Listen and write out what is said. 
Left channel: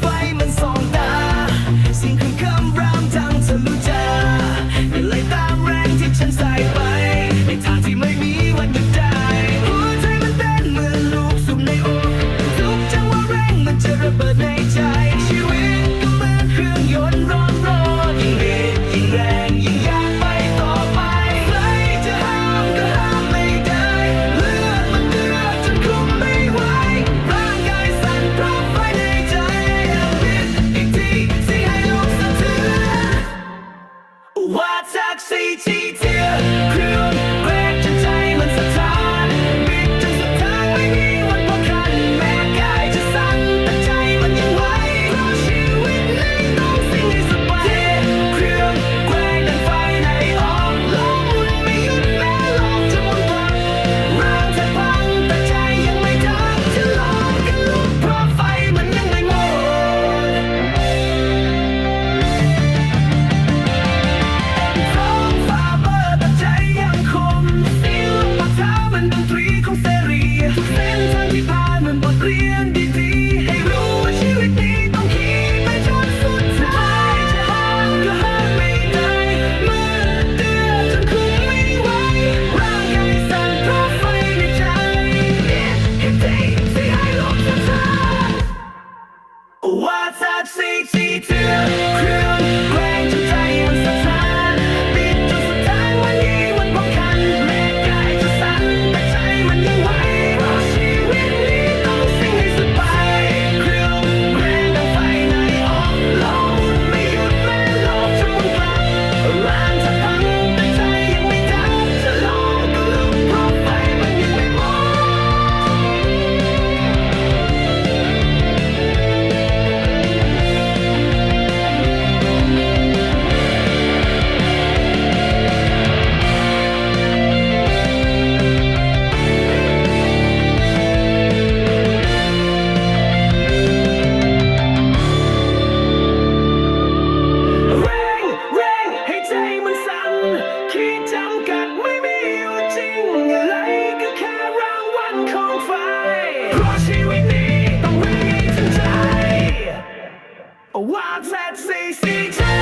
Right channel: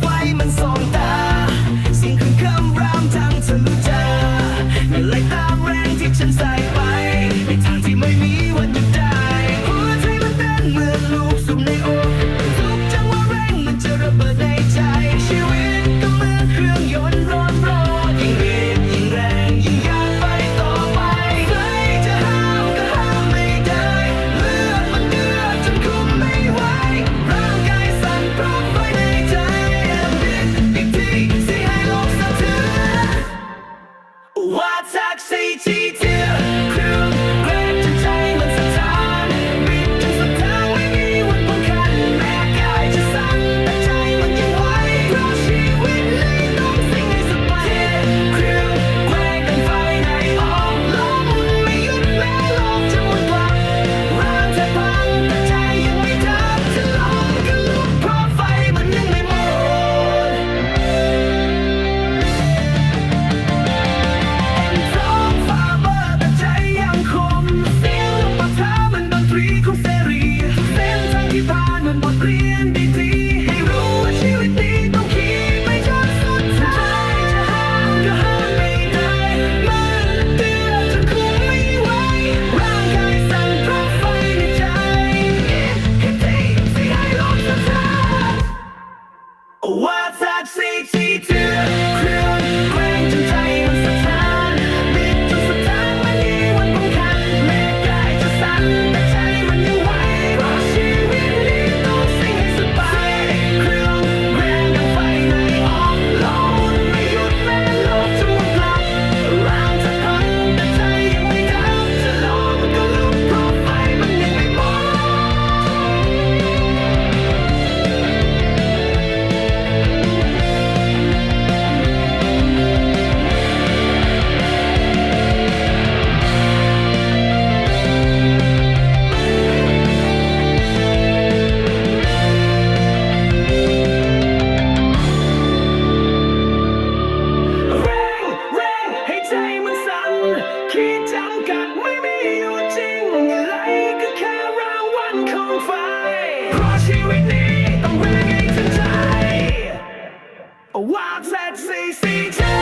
ไฟมันส่องตาสียงครึ้นคำรามทางทะลุจาเหงื่ไหลตามแรงที่ฉันใส่ไป ในทางที่ไม่มีวันหยุดได้ หัวใจมันเต้นเหมือนลูกสุ่ในอก ทุกจังหวะเรงมันจะระเบิด ว่า มือนบทเรียนดีๆ ให้รู้ว่าชีวิตนี้ต้องขี่ไปจนสุดทายจะห้ามก็ห้ามไม่ได้ มันเดือดจนคุมไม่ไหว ร่างกายสั่นเพราะไฟในใจ In hip day ที่ให้โลกสะท้า What's up 4 4 2 ขีดจำกัดไม่มีอยู่จริง อะไรก็แค่รางวัลของไฟ เพราะชีวิตนี้ต้องแรงให้ถึงใจว่าแท็กซี่สีเจ